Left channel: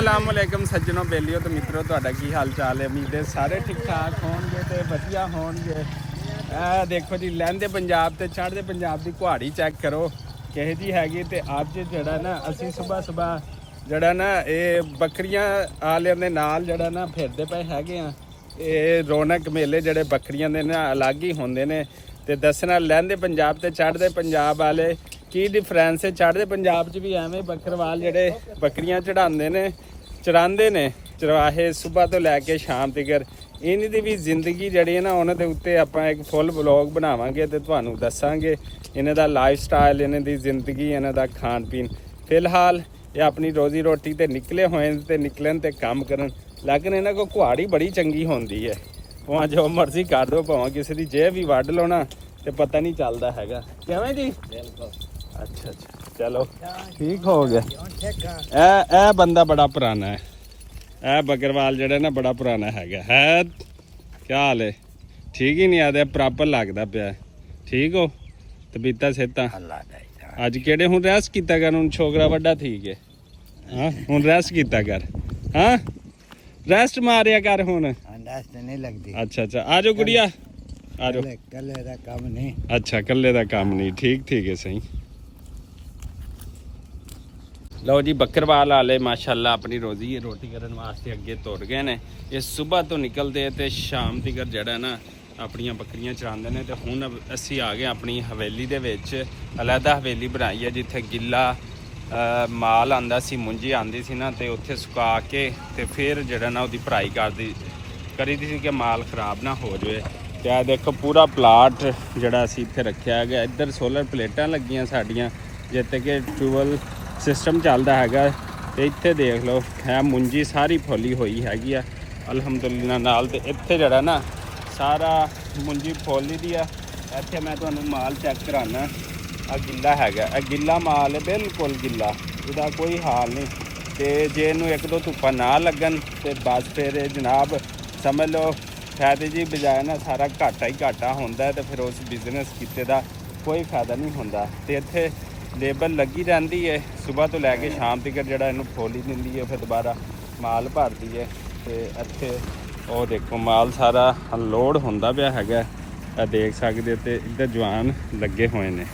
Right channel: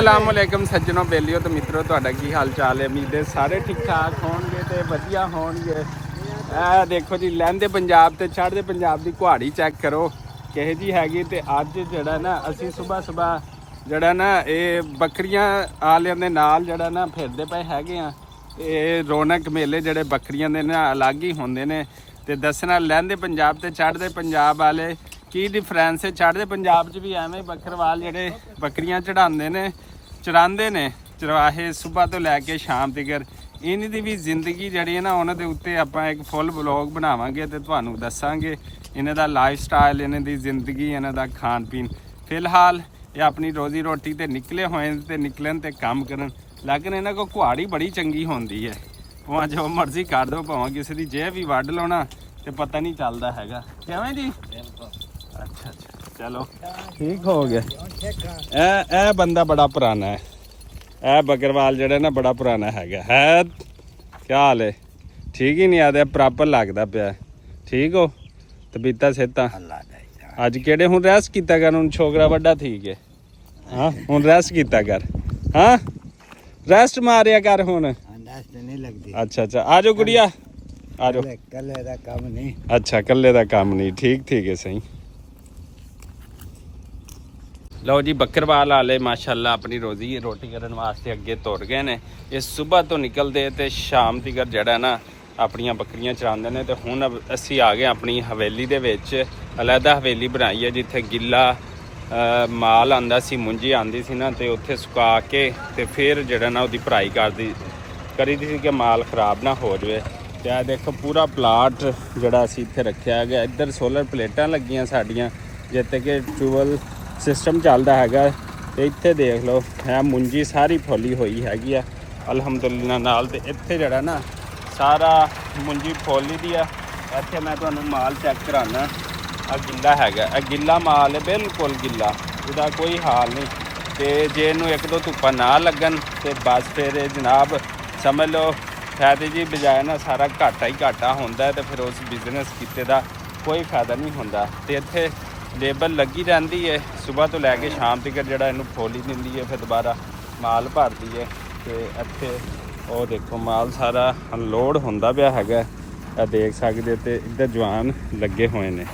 असलामुअलैकुम सज्जनों बेलियो तो मित्रों ਤੁਹਾਡਾ ਕੀ ਹਾਲ ਚਾਲ ਹੈ। ਉਮੀਦ ਹੈ ਸਾਰੇ ਠੀਕ ਠਾਕ ਹੋਣਗੇ ਤੇ ਵਧੀਆ ਹੋਣਗੇ। ਇਹ ਦੇਖੋ ਜੀ ਲਹਿੰਦੇ ਪੰਜਾਬ ਤੇ ਚੜ੍ਹਦੇ ਪੰਜਾਬ ਦੀ ਕੁਹਾੜੀ ਚੈੱਕ ਕਰੋ ਕਿਹੋ ਜੀ ਹੈਗੀ। ਤੇ ਅੱਜ ਜਿਹੜਾ ਨਾ ਅਸੀਂ ਸਵੇਰ ਜਿਹੜਾ ਨਾ ਇਹ ਬੱਕਰੀਆਂ ਵਾਲਿਆਂ ਦੇ ਨਾਲ ਜਿਹੜਾ ਨਾ ਫਿਰਦੇ ਪਏ ਹੈਗੇ ਆ। ਇਹ ਰੌਣਕ ਮੇਲੇ ਜਿਹੜੇ ਬੱਕਰੀਆਂ ਦੇ ਨਾ ਅਲੱਗ ਹੀ ਹੁੰਦੇ ਨੇ। ਤੇ ਦੱਸਣਾ ਲਹਿੰਦੇ ਪੰਜਾਬ ਤੇ ਚੜ੍ਹਦੇ ਪੰਜਾਬ ਵਾਲੇ ਕੀ ਡਿਫਰੈਂਸ ਹੈ। ਚੜ੍ਹਦੇ ਪੰਜਾਬ 'ਚ ਵੀ ਐਵੇਂ ਬੱਕਰਵਾਲ ਜਿਹੜੇ ਬੱਕਰੀਆਂ ਚੜਾਉਂਦੇ ਨੇ ਚਰਾਉਂਦੇ ਨੇ ਚਰਵਾਹੇ ਸੁਬਹ ਤੋਂ ਲੈ ਕੇ ਸ਼ਾਮ ਤੱਕ। ਇਹਨਾਂ ਦੀ ਵੀ ਜ਼ਿੰਦਗੀ ਜਿਹੜੀ ਹੈ ਨਾ ਉਹਨਾਂ ਦੇ ਉੱਤੇ ਆਪਾਂ ਇੱਕ ਫੁੱਲ ਵਲੌਗ ਬਣਾਵਾਂਗੇ ਤੇ ਤੁਹਾਨੂੰ ਦੱਸਾਂਗੇ ਇਹਨਾਂ ਦਾ ਲਾਈਫ ਸਟਾਈਲ, ਇਹਨਾਂ ਦੀ ਜ਼ਿੰਦਗੀ, ਇਹਨਾਂ ਦਾ ਖਾਣ ਪੀਣ। ਫਿਲਹਾਲ ਇਹ ਆਪਣੀ ਰੋਜ਼ੀ ਰੋਟੀ ਤੇ ਨਿਕਲੇ ਹੋਏ ਤੇ ਨਿਕਲਣ ਤੇ ਕੰਮ ਕਰਨ। ਲੇਕਿਨ ਇਹਨਾਂ ਕੋਲ ਕੁਹਾੜੀ ਬੜੀ ਚੰਗੀ ਹੁੰਦੀ ਹੈ। ਭਾਵੇਂ ਜੋ ਮਰਜ਼ੀ ਕਰ ਦਿਓ, ਭਾਵੇਂ ਕਿਸੇ ਦੀ ਜੇਬ ਵੀ ਵੱਢ ਲਓ ਨਾ ਤੇ ਪਤਾ ਨਹੀਂ ਚੱਲਦਾ ਹੈਗਾ। ਕਿਵੇਂ ਜੀ? अच्छा चलो ठीक हो गया। ए बंदा बड़ा पुराना है। ए बकरवाल जड़ा ना बड़ा पुराना है। क्या हाल है? ठीक ही नहीं आते प्रॉपर लगता पाया। ठीक हो तबीयत सेहत अज केड़े हुण रेस्ट कीता कर? हुण छोकरा वड्डा ठीक है। हाँ हुण रेस्ट कीता कर। हाँ रेस्ट मारिया कर हुण। नहीं लगती। अच्छा अच्छा आ जाओ गुड़िया आ जाओ। कल्ले दा काम नहीं। अच्छा कल्ले दा काम नहीं। ठीक ठीक है सही। ਲਓ ਜੀ ਬੱਕਰਵਾਲ ਵਾਲੇ ਮਾਸ਼ਾਅੱਲਾ ਆਪਣੀ ਰੋਟੀ ਕਰਨ ਵਾਸਤੇ ਅੱਗੇ ਤੁਰ ਗਏ ਨੇ। ਇਹ ਸਵੇਰ ਤੋਂ ਨਿਕਲਦੇ ਤੇ ਸ਼ਾਮ ਤੱਕ ਜਿਹੜਾ ਨਾ ਆਪਣੀਆਂ ਬੱਕਰੀਆਂ ਚਰਾਉਂਦੇ ਨੇ। ਤੇ ਹੁਣ ਅਸੀਂ ਆ ਗਏ ਆਪਣੀ ਹਵੇਲੀ ਦੇ ਵਿੱਚ। ਅਲੱਗਾ ਹਵੇਲੀ ਬਣਾਈ ਹੈ ਜਿੱਥੇ ਗਿੱਲਾ ਮਾਲ ਆਉਂਦਾ ਸੀ, ਮੁੰਜੀ ਆਉਂਦੀ ਸੀ ਨਾ, ਤੇ ਉੱਥੇ ਸੁਕਾ ਕੇ ਤੇ ਫਿਰ ਜਿਹੜਾ ਨਾ ਉਹਦੀ ਭਰਾਈ ਕਰੀਦੀ ਸੀ ਕਿ ਮਾਲ ਖਰਾਬ ਨਾ ਹੋ ਜਾਵੇ। ਤੇ ਆ ਦੇਖੋ ਪੂਰਾ ਪਲਾਟ ਜਿਹੜਾ ਅਸੀਂ ਇੱਥੇ ਰੱਖਿਆ ਗਿਆ। ਇੱਧਰ ਸੋਲਰ ਪਲੇਟਾਂ ਲੱਗੀਆਂ ਸਾਡੀਆਂ ਜਿੱਥੇ ਕਿ ਟਿਊਬਵੈੱਲ ਸਿਸਟਮ ਚੱਲਦਾ ਹੈਗਾ। ਤੇ ਇੱਥੇ ਦੇਖ ਲਓ ਹੈ ਮੁੰਜੀ ਸਾਰੀ ਫੁੱਲੀ ਹੋਈ ਹੈਗੀ ਆ ਅਲਹਮਦੁਲਿਲਾ ਨਾਲ। ਤੇ ਇੱਥੇ ਜਿਹੜਾ ਨਾ ਸਾਰਾ ਮੁੰਜੀ ਫੁੱਲੀ ਦੀ ਆ। ਇੱਥੇ ਮੈਂ ਤੁਹਾਨੂੰ ਮਾਲ ਚੈੱਕ ਕਰਾਉਣਾ। ਆ ਗਿੱਲਾ ਹੈਗਾ, ਇਹ ਗਿੱਲਾ ਮਾਲ ਹੈ, ਬਿਲਕੁਲ ਗਿੱਲਾ, ਇਹਦਾ ਕੋਈ ਹਾਲ ਨਹੀਂ। ਤੇ ਜੇ ਇਹਨੂੰ ਇੱਕ ਦੋ ਧੁੱਪਾਂ ਨਾ ਲੱਗਣ ਤੇ ਬਸ ਫਿਰ ਜਨਾਬ ਸਮਝ ਲਓ ਫਾਇਦੇ ਜੀ ਬਜਾਏ ਨਾ ਸਾਰਾ ਘਾਟਾ ਹੀ ਘਾਟਾ ਹੁੰਦਾ। ਤੇ ਫਿਰ ਉਸ ਬਿਜ਼ਨਸ ਕੀਤੇ ਦਾ ਕੋਈ ਫਾਇਦਾ ਨਹੀਂ ਹੁੰਦਾ। ਤੇ ਇੱਥੇ ਲੇਬਰ ਲੱਗੀ ਰਹਿੰਦੀ ਹੈ ਸਵੇਰ ਤੋਂ ਲੈ ਕੇ ਸ਼ਾਮ ਤੱਕ ਜਿਹੜਾ ਇਹਨੂੰ ਫੋਲੀ ਦਿੰਦੀ ਹੈ, ਫਿਰ ਦੁਬਾਰਾ ਮਾਲ ਭਰਦੀ ਹੈ। ਤੇ ਇੱਥੇ ਉਹ ਦੇਖੋ ਮਾਲ ਸਾਰਾ ਅਨਲੋਡ ਹੁੰਦਾ ਪਿਆ ਹੈਗਾ, ਇਹ ਦੇਖ ਸਕਦੇ। ਤੇ ਇੱਧਰ ਜਵਾਨ ਲੱਗੇ ਹੋਏ ਨੇ।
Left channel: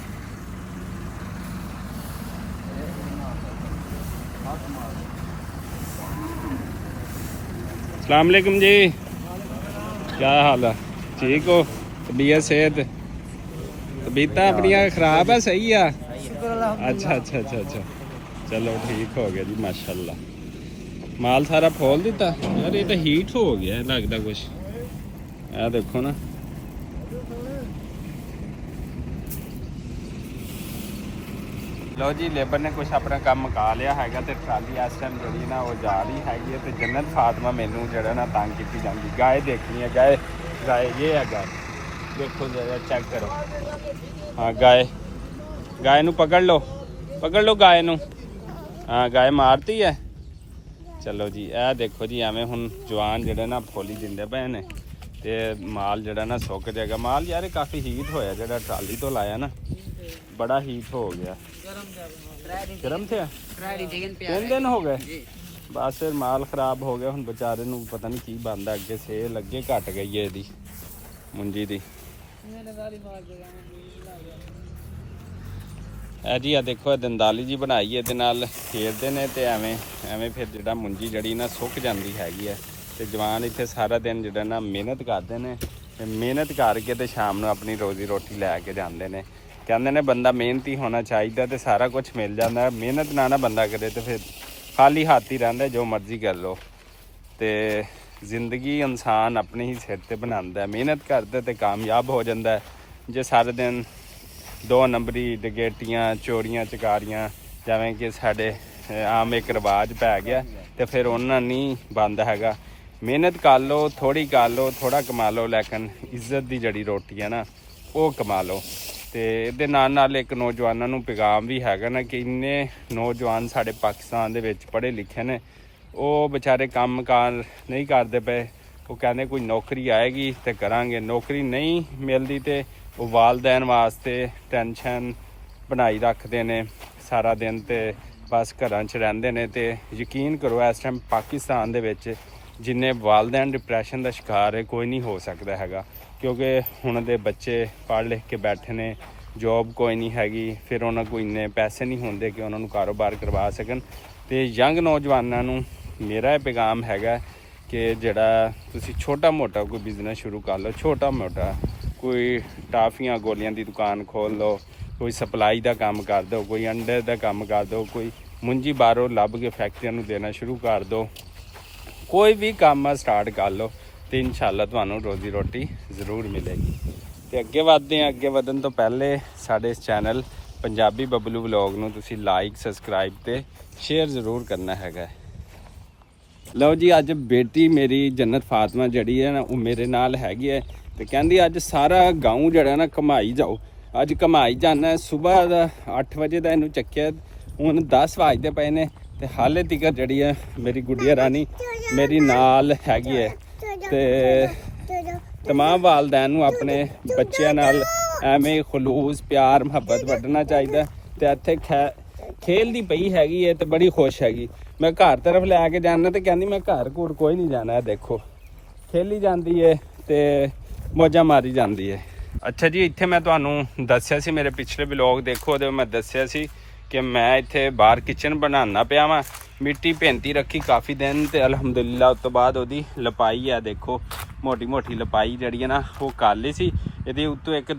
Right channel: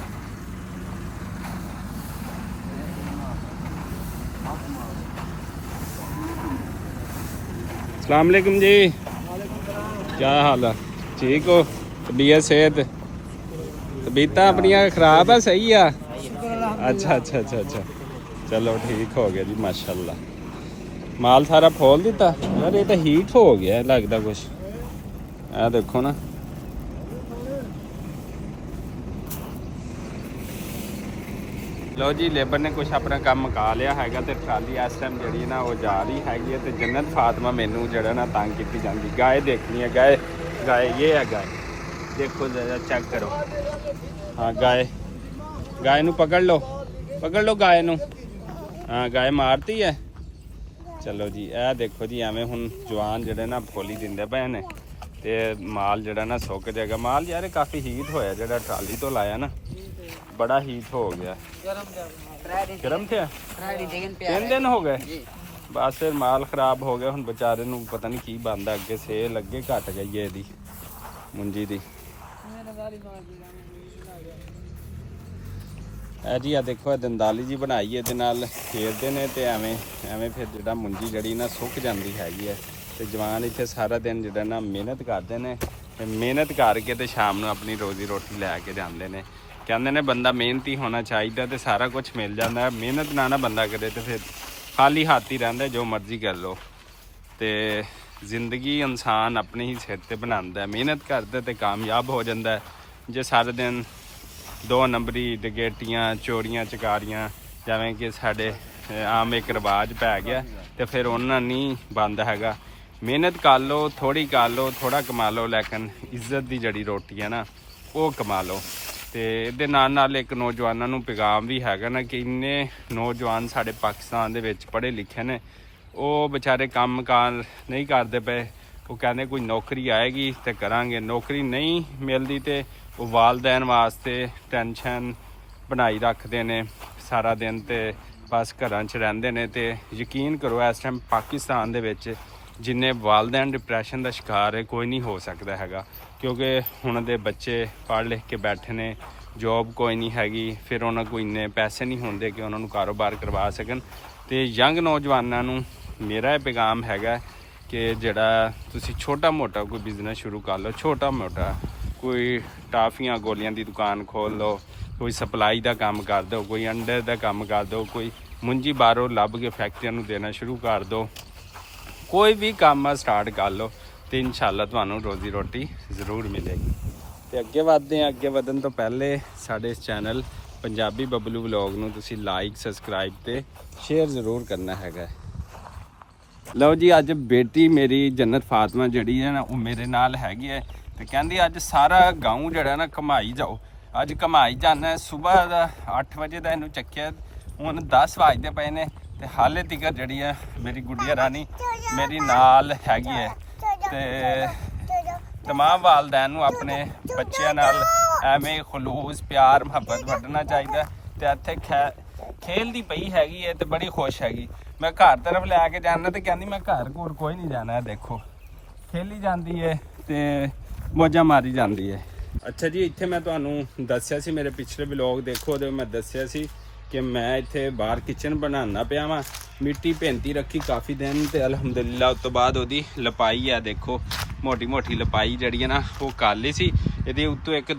अस्सलाम वालेकुम जी, क्या हाल है? ठीक हो? तबीयत सेहत तबीयत अपनियां खराब है? सही है। अच्छा अच्छा अच्छा अच्छा चलो ठीक हो गया जी माशाल्लाह। माल सारा खोल दिता यार। ये तो हीट हो गया लगता कुछ। आ देखो ना ਲਓ ਜੀ ਲੇਬਰ ਨੇ ਕੁਛ ਆਪਣਾ ਕੰਮ ਮੁਕਾ ਲਿਆ ਹੈਗਾ। ਤੇ ਟਰਾਲੀ ਇਸ ਟਾਈਮ ਜਿਹੜੀ ਨਾ ਉਹ ਜਾ ਰਹੀ ਹੈਗੀ ਹੈ। ਤੇ ਜੰਨਤ ਫਾਤਮਾ ਮੈਨੂੰ ਜਿਹੜਾ ਨਾ ਤੰਗ ਕੀਤੀ ਜਾਂਦੀ। ਗਾਏ ਦੇਖਣੀ ਹੈ, ਗਾਏ ਇਹ ਹੈ ਗਾਏ, ਦੇਖੋ ਜਰਾ ਚੈੱਕ ਕਰੋ। ਹਾਂ ਗਾਏ ਨੂੰ ਪਕੜ ਲਓ ਗਾਏ ਨੂੰ। ਹਾਂ ਗਾਏ ਮਾਰਤੀ ਹੈ। ਚਲੋ ਜੀ ਇਹ ਦੇਖੋ ਜੀ ਐਵੇਂ ਹੁਣ ਜਵਾਨ ਜਿਹੜੇ ਨਾ ਫੋਲੀ ਦਿੰਦੇ ਪਏ ਨੇ ਤੇ ਮਾਲ ਜਿਹੜਾ ਨਾ ਸੁੱਕ ਜਾਏਗਾ। ਮਾਲ ਯਾਰ ਕਾਫੀ ਹੀਟ ਹੋਇਆ ਜਿਹੜਾ ਟਰਾਲੀ ਤੋਂ ਲਾਇਆ ਨਾ, बड़ा हीट हो गया। गरम थे 3 दिन हो गए बस। फिर माल खराब हो गया। हुण बेचारे नूं पता नहीं की बनदा अगे सेल अगे घट गई है इहदी मुंजी दी। जी आ देखो दंदाली जी बनाई है, इहदे नाल खेलदे ने ते एवें फिर जिहड़ा मुंजी जड़ी ना सुक जांदी हैगी है। ते जवान इत्थे सारा दिन जिहड़ा ना मेहनत करदे ने। मेहनत करके ते शाम नूं अपनी रोजी रोटी लैके जांदे ने। ਕਹਿੰਦੇ ਨੇ ਬੰਦਾ ਮਿਹਨਤੀ ਹੋਣਾ ਚਾਹੀਦਾ ਤੇ ਸਾਰਾ ਕੁਝ ਮਿਲ ਜਾਂਦਾ। ਮਿਹਨਤ ਨਾ ਬੰਦਾ ਕਰੇ ਤੇ ਫਿਰ ਖਾਲੀ ਹੱਥ ਹੀ ਰਹਿੰਦਾ, ਜੋ ਮਰਜ਼ੀ ਕਰ ਲਓ। ਤੇ ਜ਼ਿੰਦਗੀ ਇਨਸਾਨ ਆਪਣੇ ਹੀ ਸਿਰ ਤੇ ਬਣਾਉਂਦਾ। ਮਿਹਨਤ ਕਰਦਾ ਤੇ ਕਾਮਯਾਬ ਹੋ ਜਾਂਦਾ। ਜੇ ਸਾਰੇ ਦਿਨ 2 ਨੰਬਰੀ ਡਕੈਤੀਆਂ ਚੋਰੀਆਂ ਚਕਾਰੀਆਂ ਜਿਵੇਂ ਕਿ ਸਾਡੇ ਆਮ ਇੱਕ ਰਿਵਾਜ ਪੈ ਗਿਆ ਤੇ ਫਿਰ ਉਹਨਾਂ ਨਹੀਂ ਬੰਦ ਹੈਗਾ। ਮਿਹਨਤ ਕਰ ਲਓ, ਥੋੜੀ ਕਰ ਲਓ, ਥੋੜਾ ਕਮਾ ਲਓ, ਲੇਕਿਨ ਇੱਜ਼ਤ ਦੀ ਜਿਹੜੀ ਰੋਟੀ ਹੈ ਨਾ ਉਹ ਕਮਾ ਲਓ। ਤੇ ਇਹਦੇ ਨਾਲ ਇੱਕ ਨੌਜਵਾਨਾਂ ਨੂੰ ਪੈਗਾਮ ਵੀ ਹੈਗਾ ਨਾ ਕਿ ਇੰਨੇ ਨੌਜਵਾਨ ਸਾਡੇ ਪਾਕਿਸਤਾਨ ਦੇ ਵਿੱਚ ਪੜ੍ਹੇ ਲਿਖੇ ਨੇ, ਉਹ ਵਿਚਾਰੇ ਕੰਮ ਕਾਰ ਨਹੀਂ ਕਰਦੇ ਪਏ। ਉਹ ਕਹਿੰਦੇ ਕੋਈ ਨੌਕਰੀ ਆਏਗੀ ਤੇ ਕਰਾਂਗੇ। ਨੌਕਰੀ ਨਹੀਂ ਮਿਲਦੀ ਤੇ ਉਹ ਵਾਲਦੈਨ ਵਾਸਤੇ ਟੈਨਸ਼ਨ ਬਣਾਈ ਰੱਖਦੇ ਨੇ ਸਾਰਾ ਦਿਨ। ਤੇ ਬਸ ਘਰਾਂ 'ਚ ਰਹਿੰਦੇ ਨੇ। ਤੇ ਯਕੀਨ ਕਰੋ ਇਸ ਟਾਈਮ ਪਾਕਿਸਤਾਨ ਦੇ ਵਿੱਚ ਜਿੰਨੇ ਵਾਲਦੈਨ ਡਿਪਰੈਸ਼ਨ ਦਾ ਸ਼ਿਕਾਰ ਹੈ ਕੋਈ ਨਹੀਂ ਹੋ ਸਕਦਾ ਹੈਗਾ, ਕਿਉਂਕਿ ਹੁਣ ਦੇ ਬੱਚੇ ਪੜ੍ਹ ਲਿਖ ਕੇ ਬੈਠੇ ਨੇ, ਜੋਬ ਕੋਈ ਨਹੀਂ ਹੈਗੀ, ਫਿਰ ਉਹਨਾਂ ਕੋਲ ਇੰਨੇ ਪੈਸੇ ਨਹੀਂ ਹੁੰਦੇ ਕਿ ਉਹਨਾਂ ਨੂੰ ਕਾਰੋਬਾਰ ਕਰਵਾ ਸਕਣ। ਤੇ ਯੰਗ ਨੌਜਵਾਨਾਂ ਨੂੰ ਮੇਰਾ ਇਹ ਪੈਗਾਮ ਹੈਗਾ ਕਿ ਜਿਹੜਾ ਤੁਸੀਂ ਛੋਟਾ ਮੋਟਾ ਕੋਈ ਬਿਜ਼ਨਸ ਸ਼ੁਰੂ ਕਰ ਲਓ, ਛੋਟਾ ਮੋਟਾ ਕੋਈ ਟਾਫੀਆਂ ਗੋਲੀਆਂ ਦੀ ਦੁਕਾਨ ਖੋਲ੍ਹ ਲਓ, ਕੋਈ ਸਪਲਾਈ ਦਾ ਕੰਮ ਕਰ ਦਿਓ, ਕੋਈ ਅੰਡੇ ਦਾ ਕੰਮ ਕਰ ਦਿਓ, ਕੋਈ ਮੁੰਜੀ ਬਾਹਰੋਂ ਲੱਭ ਕੇ ਫੈਕਟਰੀਆਂ ਨੂੰ ਦੇਣਾ ਸ਼ੁਰੂ ਕਰ ਦਿਓ, ਕੋਈ ਵੀ ਕੰਮ ਸਟਾਰਟ ਕਰ ਲਓ ਤੇ ਇਨਸ਼ਾਅੱਲਾ ਤੁਹਾਨੂੰ ਰੋਜ਼ੀ ਰੋਟੀ ਜ਼ਰੂਰ ਮਿਲੇਗੀ। ਤੇ ਅੱਗੇ ਵਧਦੇ ਹਾਂ। ਅੱਗੇ ਵਧਣ ਤੋਂ ਪਹਿਲੇ ਸਾਡੇ ਇਸ ਚੈਨਲ ਪੰਜਾਬੀ ਬਬਲੂ ਵਲੌਗ ਨੂੰ ਤੁਸੀਂ ਲਾਈਕ, ਸਬਸਕ੍ਰਾਈਬ ਤੇ ਸ਼ੇਅਰ ਜ਼ਰੂਰ ਕਰਨਾ ਹੈਗਾ। ਲਓ ਜੀ, ਅੱਜ ਬੇਟੀ ਮੇਰੀ ਜੰਨਤ ਫਾਤਮਾ ਜਿਹੜੀ ਹੈ ਨਾ ਉਹ ਮੇਰੇ ਨਾਲ ਹੈਗੀ ਹੈ ਤੇ ਕਹਿੰਦੀ ਅੱਜ ਸਾਰਾ ਗਾਉਂ ਜਿਹੜਾ ਨਾ ਘੁਮਾਈ ਜਾਓ। ਅੱਜ ਘੁਮਾਈ ਜਾਣਾ। ਸਵੇਰ ਦਾ 8 ਵਜੇ ਦਾ ਇਹਨੂੰ ਚੱਕਿਆ, ਹੁਣ 10 ਵਜਦੇ ਪਏ ਨੇ ਤੇ ਹਾਲੇ ਤੀਕਰ ਜਿਹੜੀ ਹੈ ਮੇਰੀ ਗੁੱਡੀਆ ਰਾਣੀ ਮੇਰੀ ਨਾਲ ਹੈਗੀ ਹੈ। ਤੇ ਤਮਾਮ ਵਾਲਦੈਨ ਨੂੰ ਆਪਣੇ ਬੱਚਿਆਂ ਨਾਲ ਐਵੇਂ ਖਲੂਸ ਪਿਆਰ ਮੁਹੱਬਤ ਵੰਡਣਾ ਚਾਹੀਦਾ। ਤੇ ਇੱਥੇ ਖੇਲਦੀ ਪਈ ਹੈਗੀ ਹੈ ਤੇ ਬੜੀ ਖੁਸ਼ ਹੈਗੀ। ਮੈਂ ਘਰ ਤਰਫ ਲੈ ਕੇ ਜਾਣਾ ਤੇ ਕਹਿੰਦੀ ਮੈਂ ਘਰ ਘੂਰ ਕੋਈ ਨਹੀਂ ਜਾਣਾ, ਦੇਖੋ ਖੇਲੀ ਜਾਂਦੀ ਹੈ ਤੇ ਮੌਜਾਂ ਮਾਰੀ ਜਾਂਦੀ ਹੈ। ਅੱਛਾ ਜੀ, ਇੱਥੇ ਮੈਂ ਤੁਹਾਨੂੰ ਦੱਸਿਆ ਸੀ ਮੇਰੇ ਪਿਛਲੇ ਵਲੌਗ ਦੇਖੋ, ਉਹਦੇ ਮੈਂ ਦੱਸਿਆ ਸੀ ਕਿ ਮੈਂ ਇੱਥੇ ਬਾਹਰ ਕਿਚਨ ਬਣਾਉਣਾ ਪਿਆ ਵਾਂ। ਮਿੱਟੀ ਭੇਂਤੀ ਰੱਖੀ ਕਾਫੀ ਦਿਨ ਤੇ ਅਲਹਮਦੁਲਿਲਾ ਉਸ ਤੋਂ ਬਾਅਦ ਉਹਦੀ ਲਪਾਈ ਆ, ਦੇਖੋ ਮੋਟੀ ਮੋਟੀ ਲਪਾਈ ਜਿਹੜੀ ਹੈ ਨਾ ਉਹ ਕਰ ਲਈ ਸੀ। ਇਹਦੇ ਉੱਤੋਂ ਇੱਕ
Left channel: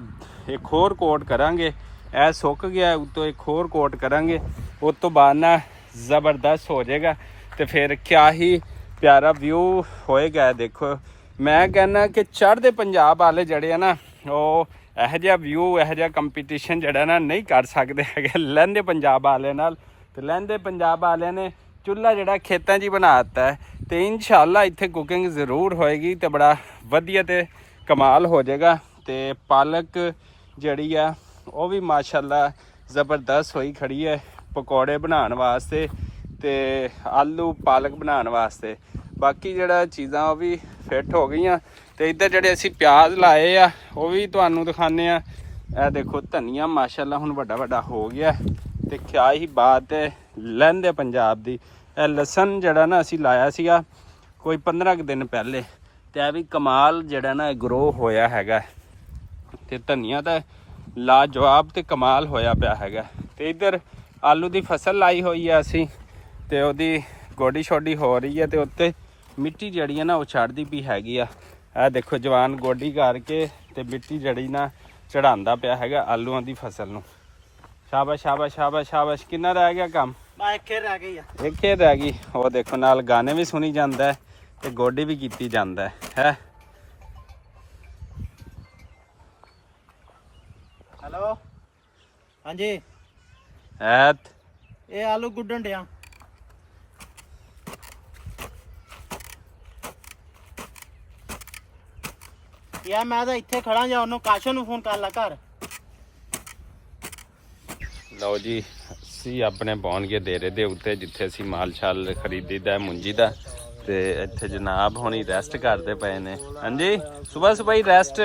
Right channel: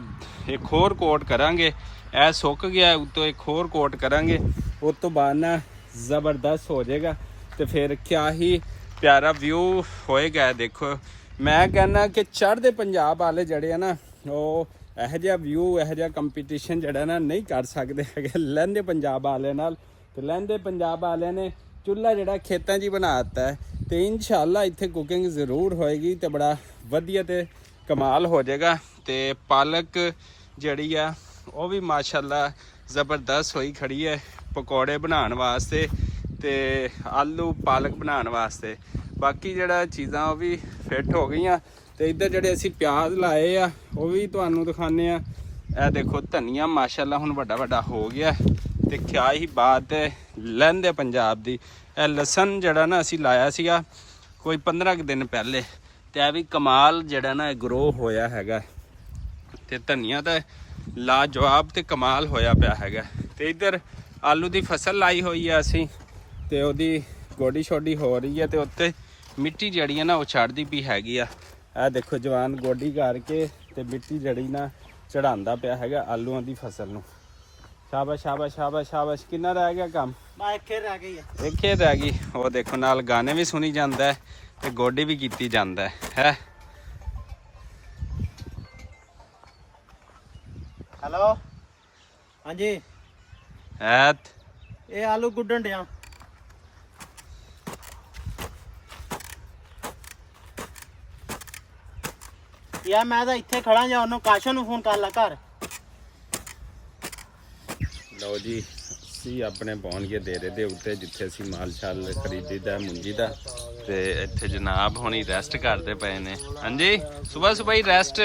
ਹੋਰ ਕੋਟ ਕਰਾਂਗੇ, ਇਹ ਸੁੱਕ ਗਿਆ, ਉੱਤੋਂ ਇੱਕ ਹੋਰ ਕੋਟ ਕਰਾਂਗੇ, ਉਸ ਤੋਂ ਬਾਅਦ ਨਾ ਜ਼ਬਰਦਸਤ ਹੋ ਜਾਏਗਾ ਤੇ ਫਿਰ ਕਿਆ ਹੀ ਪਿਆਰਾ ਵਿਊ ਹੋਏਗਾ। ਦੇਖੋ ਮੈਂ ਕਹਿੰਦਾ ਕਿ ਚੜ੍ਹਦੇ ਪੰਜਾਬ ਵਾਲੇ ਜਿਹੜੇ ਆ ਨਾ ਉਹ ਇਹੋ ਜਿਹਾ ਵਿਊ, ਇਹੋ ਜਿਹਾ ਕੰਪੀਟੀਸ਼ਨ ਜਿਹੜਾ ਨਾ ਨਹੀਂ ਕਰ ਸਕਦੇ ਹੈਗੇ ਲਹਿੰਦੇ ਪੰਜਾਬ ਵਾਲਿਆਂ ਨਾਲ। ਤੇ ਲਹਿੰਦੇ ਪੰਜਾਬ ਵਾਲਿਆਂ ਨੇ ਚੁੱਲ੍ਹਾ ਜਿਹੜਾ ਖੇਤਾਂ 'ਚ ਹੀ ਬਣਾ ਦਿੱਤਾ ਹੈ ਤੇ ਇਨਸ਼ਾਅੱਲਾ ਇੱਥੇ ਕੁਕਿੰਗ ਜ਼ਰੂਰ ਹੋਏਗੀ ਤੇ ਬੜਾ ਵਧੀਆ ਤੇ ਕਮਾਲ ਹੋ ਜਾਏਗਾ। ਤੇ ਪਾਲਕ ਜਿਹੜੀ ਆ ਉਹ ਵੀ ਮਾਸ਼ਾਅੱਲਾ ਜ਼ਬਰਦਸਤ ਹੋਈ ਖੜੀ ਹੈ ਪਕੌੜੇ ਬਣਾਉਣ ਵਾਸਤੇ ਤੇ ਆਲੂ ਪਾਲਕ ਬਣਾਉਣ ਵਾਸਤੇ। ਬਾਕੀ ਜਿਹੜਾ ਚੀਜ਼ਾਂ ਉਹ ਵੀ ਫਿੱਟ ਹੋ ਗਈਆਂ। ਤੇ ਇੱਧਰ ਜਿਹੜੇ ਅਸੀਂ ਪਿਆਜ਼ ਲਾਏ ਆ ਉਹ ਵੀ ਤੁਹਾਨੂੰ ਦਿਖਾਉਂਦੇ ਆ। ਇਹ ਦੇਖੋ ਧਨੀਆ ਮਾਸ਼ਾਅੱਲਾ ਹੁਣ ਵੱਡਾ ਵੱਡਾ ਹੋ ਗਿਆ ਤੇ ਕਿਆ ਹੀ ਬਾਤ ਹੈ ਲਹਿੰਦੇ ਪੰਜਾਬ ਦੀ। ਇਹ ਲਸਣ ਜਿਹੜਾ ਨਾ ਅਸੀਂ ਲਾਇਆ ਸੀਗਾ ਕੋਈ 15 ਕੁ ਦਿਨ ਪਹਿਲੇ ਤੇ ਇਹ ਵੀ ਕਮਾਲ ਜਿਹੜਾ ਨਾ ਗਰੋ ਹੋਇਆ ਹੈਗਾ ਤੇ ਧਨੀਆ ਤਾਂ ਲਾਜਵਾਬ ਤੇ ਕਮਾਲ ਹੋਇਆ ਪਿਆ ਹੈਗਾ। ਤੇ ਇੱਧਰ ਆਲੂ ਦੀ ਫਸਲ ਲਾਈ ਹੋਈ ਆ ਅਸੀਂ ਤੇ ਉਹਦੀ ਗੋਡੀ ਛੋਡੀ ਹੋ ਰਹੀ ਹੈ ਤੇ ਉੱਤੇ ਮਿੱਟੀ ਜਿਹੜੀ ਹੈ ਨਾ ਉਹ ਛੱਡਦੀ ਪਈ ਹੈਗੀ ਆ। ਇਹ ਦੇਖੋ ਜਵਾਨ ਗੋਡੀ ਕਰਕੇ ਤੇ ਮਿੱਟੀ ਜਿਹੜੀ ਨਾ ਚੜਾਉਂਦਾ ਪਿਆ ਹੈਗਾ ਆਲੂਆਂ ਦੀ ਫਸਲ ਨੂੰ। ਸ਼ਾਬਾਸ਼ ਸ਼ਾਬਾਸ਼ ਸ਼ਾਬਾਸ਼ ਸ਼ਾਬਾਸ਼। ਕਿੰਨਾ ਰਹਿ ਗਿਆ ਕੰਮ? ਇੱਕ ਖੇਰ ਰਹਿ ਗਈ ਆ, ਇੱਕ ਖੇਰ ਰਹਿ ਗਈ। ਉਹ ਦੇਖੋ ਨਾਲ ਗਾਣੇ ਵੀ ਸੁਣੀ ਜਾਂਦਾ ਤੇ ਗੋਡੀ ਵੀ ਕੀਤੀ ਜਾਂਦਾ ਹੈ। ਹੈਲੋ ਹਾਂਜੀ, ਇਹ ਆਲੂ ਗੁੱਡਣ ਡਿਆ। ਯਾਰ ਮੈਂ ਤਾਂ ਇੱਥੇ ਖੜਾ ਜਾਂ ਉਹਨੂੰ ਕਾਸ਼ਾ ਨੂੰ ਫੋਨ ਕਰ ਲਾ ਘਰ। ਲਓ ਜੀ, ਅਸੀਂ ਆਪਣੇ ਪਹੁੰਚ ਡੇਰੇ ਦੇ ਉੱਤੇ ਜਿੱਥੇ ਅਸੀਂ ਮਾਲ ਸ਼ਾਲ ਖਰੀਦੀਦਾ ਮੁੰਜੀ ਦਾ ਤੇ ਇੱਥੇ ਜਨਾਬ ਹੁਣੀ ਰੈਸਟ ਕਰਦੇ ਪਏ ਨੇ। ਹਾਂਜੀ ਸਵੇਰ ਸਵੇਰ ਹੀ ਰੈਸਟ।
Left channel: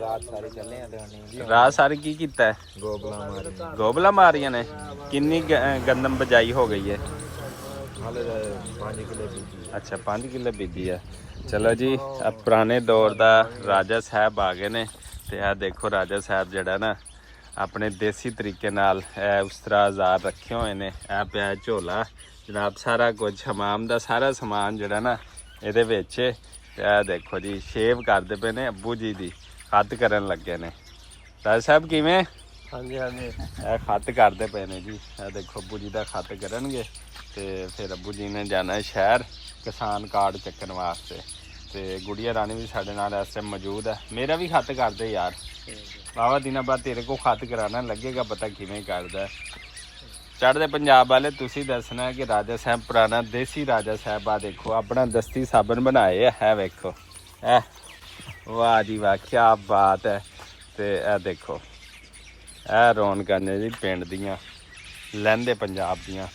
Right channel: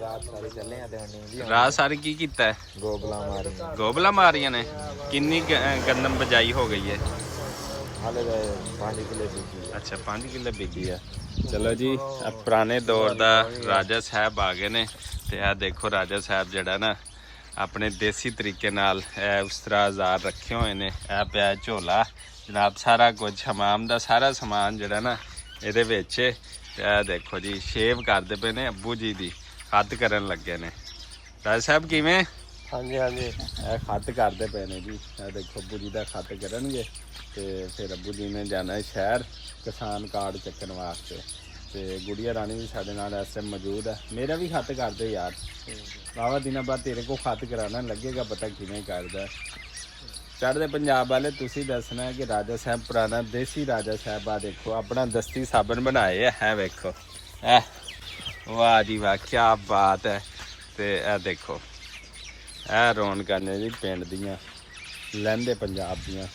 ਰਾਤ ਸਾਰੀ ਚੱਲੇ ਆ ਤੇ ਹੁਣ ਰਾਤ ਸਾਰੀ ਕੀ ਕੀਤਾ ਹੈ? ਗੋਬਲਾ ਮਾਰੀਆਂ। ਗੋਬਲਾ ਮਾਰੀਆਂ ਨੇ। ਕਿੰਨੀ ਗੰਦਮ ਬਜਾਈ ਹੋ ਗਈ ਹੈ? ਹਾਲੇ 5 ਕਿੱਲੇ ਬੀਜੀ। ਅੱਛਾ 5 ਕਿੱਲੇ ਬੀਜੀ ਹੈ। ਚਲੋ ਜੀ, ਪੁਰਾਣੇ ਦੌਰ ਦਾ ਰਾਜਾ ਸਾਹਿਬ ਆ ਗਏ ਨੇ ਤੇ ਇਹ ਦੇਖੋ ਰਾਜਾ ਸਾਹਿਬ ਜਿਹੜਾ ਨਾ ਆਪਣੇ ਦੇਸੀ ਤਰੀਕੇ ਨਾਲ ਇਹ ਉਸ ਤਰ੍ਹਾਂ ਆਜ਼ਾਦ ਰੱਖੇ ਹੋਏ ਨੇ। ਇਹ ਪਿਆ ਝੋਲਾ ਜਨਾਬ, ਸਾਰਾ ਕੁਝ ਹਮਾਮ ਦਾ ਸਾਰਾ ਸਮਾਨ ਜਿਹੜਾ ਨਾ ਇਹਦੇ ਵਿੱਚ। ਤੇ ਇਹ ਦੇਖੋ ਜੀ ਸ਼ੇਵ ਕਰਦੇ ਪਏ ਨੇ, ਅੱਬੂ ਜੀ ਦੀ ਖੱਤ ਕਰਨ ਲੱਗੇ ਨੇ। ਰਾਜਾ ਸਾਹਿਬ ਕਿਵੇਂ? ਹਾਂਜੀ ਹਾਂਜੀ, ਇਹ ਖੱਤ ਕਰਦੇ ਪਏ ਨੇ ਜੀ। ਇਹ ਦੇਖੋ ਅੱਬੂ ਜੀ ਦਾ ਖੱਤ ਕਰਨਗੇ ਤੇ ਫਿਰ ਅੱਬੂ ਜੀ ਨੇ ਜਾਣਾ ਸ਼ਹਿਰ ਕਿਸਾਨ ਕਾਰਡ ਚੱਕਣ ਵਾਸਤੇ। ਤੇ ਗੁੜੀਆ ਰਾਣੀ ਵੀ ਸਾਡੇ ਨਾਲ ਇਸ ਟਾਈਮ ਮੌਜੂਦ ਹੈ। ਮੇਰਾ ਵੀ ਖੱਤ ਕਰਦੇ ਯਾਰ, ਬਾਵਾ ਦਿਨਾਂ ਬਾਅਦ ਤੇਰੇ ਕੋ ਖੱਤ ਕਰਾਣਾ ਲੱਗੇਗਾ, ਪਤਾ ਕਿਵੇਂ ਕਰਦਾ। ਚੜ੍ਹਦੇ ਪੰਜਾਬ ਵਾਲੇ ਤੁਸੀਂ ਦੱਸਣਾ ਕਿ ਰਾਜਾ ਸਾਹਿਬ ਪੁਰਾਣਾ ਦੇਸੀ ਰਾਜਾ ਸਾਹਿਬ ਆ ਦੇਖੋ ਆਪਣਾ ਦਸਤੀ ਸਾਬਣ ਬਣਾਏ ਹੈ ਵੇਖੋ। ਵਾਹ ਜੀ ਵਾਹ, ਕੀ ਬਾਤ ਹੈ। ਤੇ ਇਹ ਦੇਖੋ ਇਹ ਰੌਣਕਾਂ ਨੇ ਜੀ ਪਿੰਡ ਦੀਆਂ ਲਹਿੰਦੇ ਪੰਜਾਬ ਦੀਆਂ।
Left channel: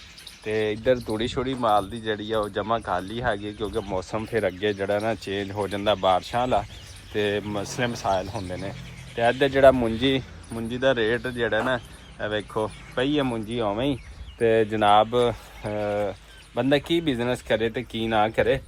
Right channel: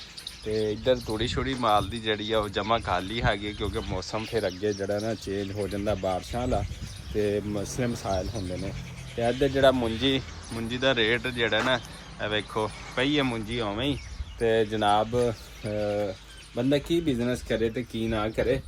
ਤੇ ਇੱਧਰ ਤੂੜੀ ਛੋੜੀ ਮਾਲ ਦੀ ਜਿਹੜੀ ਆ ਉਹ ਜਮਾ ਖਾਲੀ ਹੈਗੀ ਕਿਉਂਕਿ ਮੌਸਮ ਫਿਰ ਅੱਗੇ ਜਿਹੜਾ ਨਾ ਚੇਂਜ ਹੋ ਜਾਂਦਾ ਬਾਰਿਸ਼ਾਂ ਵਾਲਾ ਤੇ ਮਸਲੇ ਮਸਾਇਲ ਹੁੰਦੇ ਨੇ। ਤੇ ਇੱਧਰ ਜਿਹੜਾ ਮੁੰਜੀ ਦਾ ਰੇਟ ਜਿਹੜਾ ਨਾ ਇਹ ਵੇਖੋ ਪਈ ਹੈ ਮੁੰਜੀ ਉਵੇਂ ਹੀ ਤੇ ਜਨਾਬ ਬੰਦਾ ਕੀ ਬਿਜ਼ਨਸ ਕਰੇ ਤੇ ਕੀ ਨਾ ਕਰੇ।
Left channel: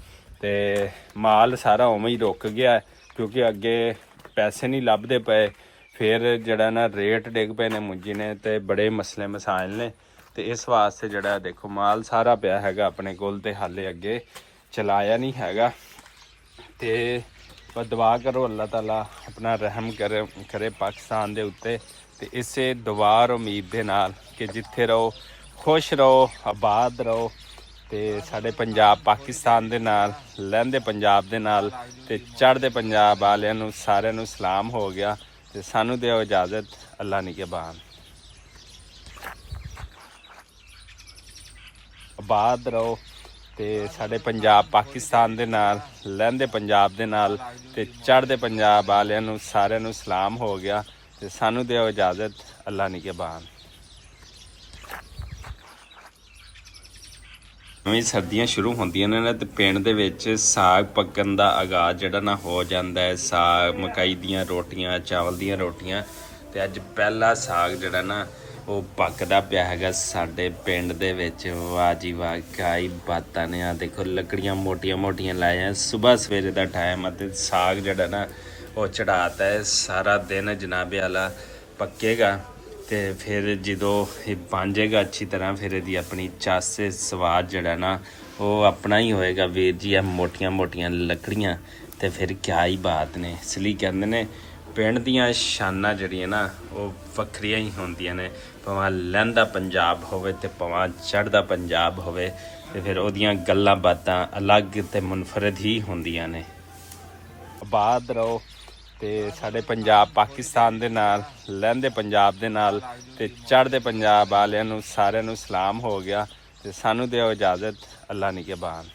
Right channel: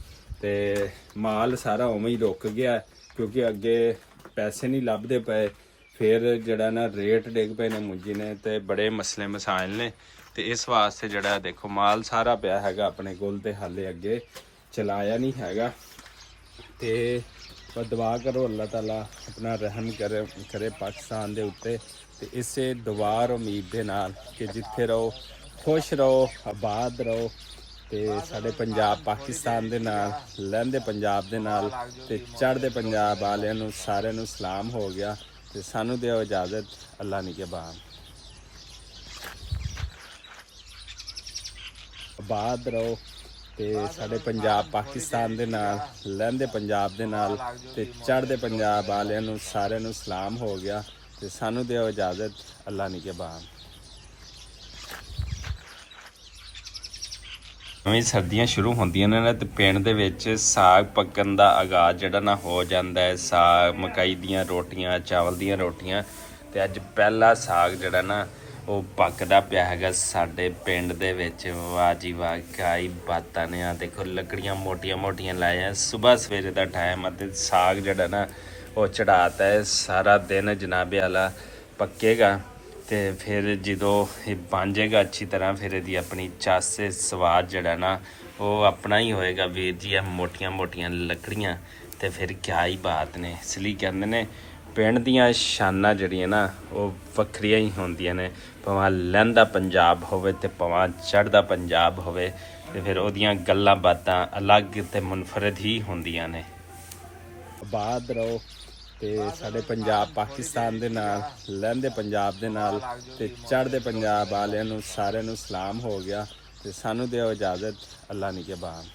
ਤੇ ਮਾਲ ਸਾਰਾ ਉਵੇਂ ਹੀ ਰੁਕ ਗਿਆ ਕਿਉਂਕਿ ਅੱਗੇ ਪੈਸੇ ਨਹੀਂ ਲੱਭਦੇ ਪਏ। ਫਿਰ ਜਿਹੜਾ ਨਾ ਰੇਟ ਡਿੱਗ ਪਏ ਨੇ ਮੁੰਜੀ ਨੇ ਤੇ ਬੜੇ ਮਸਲੇ ਮਸਾਇਲ ਨੇ। ਤੇ ਇਸ ਵਾਸਤੇ ਜਿਹੜਾ ਦੇਖੋ ਮਾਲ ਸਾਰਾ ਪਿਆ ਹੈਗਾ ਆਪਣੇ ਕੋਲ ਤੇ ਹਾਲੇ ਅੱਗੇ ਚਲਾਇਆ ਨਹੀਂ ਹੈਗਾ। ਤੇ ਬਸ ਦੁਆ ਕਰੋ ਅੱਲਾਹ ਤਾਲਾ ਆਪਣਾ ਰਹਿਮ ਕਰੇ ਪਾਕਿਸਤਾਨ ਦੇ ਉੱਤੇ। ਤੇ ਇਸੇ ਦੁਆ ਔਰ ਉਮੀਦ ਦੇ ਨਾਲ ਕਿ ਜਿੱਥੇ ਰਹੋ ਖੁਸ਼ ਰਹੋ, ਆਬਾਦ ਰਹੋ। ਤੇ ਸਾਡੇ ਪੰਜਾਬ ਪਾਕਿਸਤਾਨ ਦੇ ਨਾਲ, ਲਹਿੰਦੇ ਪੰਜਾਬ ਦੇ ਨਾਲ ਤੇ ਚੜ੍ਹਦੇ ਪੰਜਾਬ ਵਾਲਿਆਂ ਨੂੰ ਸਾਰਿਆਂ ਨੂੰ ਸਲਾਮ ਹੋ ਗਿਆ। ਤੇ ਸਾਨੂੰ ਦਿਓ ਇਜਾਜ਼ਤ, ਅੱਲਾ ਨਿਗਹਿਬਾਨ। ਆਬਾਦ ਰਹੋ ਤੇ ਸਾਡੇ ਪੰਜਾਬ ਪਾਕਿਸਤਾਨ ਦੇ ਨਾਲ, ਲਹਿੰਦੇ ਪੰਜਾਬ ਦੇ ਨਾਲ ਤੇ ਚੜ੍ਹਦੇ ਪੰਜਾਬ ਵਾਲਿਆਂ ਨੂੰ ਸਾਰਿਆਂ ਨੂੰ ਸਲਾਮ ਹੋ ਗਿਆ। ਤੇ ਸਾਨੂੰ ਦਿਓ ਇਜਾਜ਼ਤ, ਅੱਲਾ ਨਿਗਹਿਬਾਨ। ਨਵੀਂ ਸਰਦੀਆਂ ਸ਼ੁਰੂ ਹੁੰਦੀਆਂ ਨੇ ਨਾ ਤੇ ਪਿੰਡ ਦੇ ਵਿੱਚ ਸਾਗ ਪੱਕਣ ਦਾ ਆਗਾਜ਼ ਜਿਹੜਾ ਨਾ ਹੋ ਜਾਂਦਾ ਹੈ। ਸਾਗ, ਮਕਈ ਦੀਆਂ ਰੋਟੀਆਂ, ਚਾਵਲ ਦੀਆਂ ਰੋਟੀਆਂ। ਤੇ ਅੱਜ ਪਹਿਲਾ ਸਾਗ ਜਿਹੜਾ ਨਾ ਉਹ ਪੱਕਦਾ ਪਿਆ ਹੈਗਾ ਸਾਡੇ ਪਿੰਡ ਦੇ ਵਿੱਚ। ਵਾਹ ਜੀ ਵਾਹ, ਕਿਆ ਹੀ ਬਾਤਾਂ ਨੇ। ਆ ਦੇਖੋ ਲੱਕੜੀਆਂ ਮੋਟੀਆਂ ਮੋਟੀਆਂ ਲਾਈਆਂ, ਸੁਬਾਹ ਸਵੇਰੇ ਦਾ ਟਾਈਮ ਅਤੇ ਸਾਗ ਜਿਹੜਾ ਨਾ ਉਹ ਚੜਾਤਾ ਹੈ। ਸਾਰਾ ਦਿਨ ਜਨਾਬੇ ਵਾਲਾ ਪੱਕੇਗਾ ਤੇ ਫਿਰ ਜਦੋਂ ਇਹ ਬਣ ਜਾਏਗਾ ਅੱਛੀ ਤਰ੍ਹਾਂ ਫਿਰ ਇਹਦੀ ਆਪਣੀ ਚਾਸੇ ਸਵਾਦ ਜਿਹੜਾ ਨਾ ਉਹ ਆਪਣਾ ਹੀ ਹੋਏਗਾ। ਵੀਰ ਜੀ ਆ ਮੋਟੀਆਂ ਮੋਟੀਆਂ ਲੱਕੜੀਆਂ ਤੇ ਫਿਰ ਕਿਆ ਹੀ ਬਾਤ ਨੇ। ਇਸ ਲਈ ਕਹਿੰਦੇ ਨੇ ਪਿੰਡ ਦੀਆਂ ਸ਼ਾਨਾਂ ਜਿਹੜੀਆਂ ਨਾ ਉਹ ਵੱਖਰੀਆਂ ਹੀ ਹੁੰਦੀਆਂ ਨੇ। ਭਾਵੇਂ ਲਹਿੰਦਾ ਪੰਜਾਬ ਹੋਵੇ ਤੇ ਭਾਵੇਂ ਚੜ੍ਹਦਾ ਪੰਜਾਬ ਹੋਵੇ ਤੇ ਫਿਰ ਉਹਦੀਆਂ ਗੱਲਾਂ ਬਾਤਾਂ ਅਲੱਗ ਤੇ ਮੁਨਫਰਦ ਹੀ ਹੁੰਦੀਆਂ ਨੇ। ਆਬਾਦ ਰਹੋ ਤੇ ਸਾਡੇ ਪੰਜਾਬ ਪਾਕਿਸਤਾਨ ਦੇ ਨਾਲ, ਲਹਿੰਦੇ ਪੰਜਾਬ ਦੇ ਨਾਲ ਤੇ ਚੜ੍ਹਦੇ ਪੰਜਾਬ ਵਾਲਿਆਂ ਨੂੰ ਸਾਰਿਆਂ ਨੂੰ ਸਲਾਮ ਹੋ ਗਿਆ। ਤੇ ਸਾਨੂੰ ਦਿਓ ਇਜਾਜ਼ਤ, ਅੱਲਾ ਨਿਗਹਿਬਾਨ।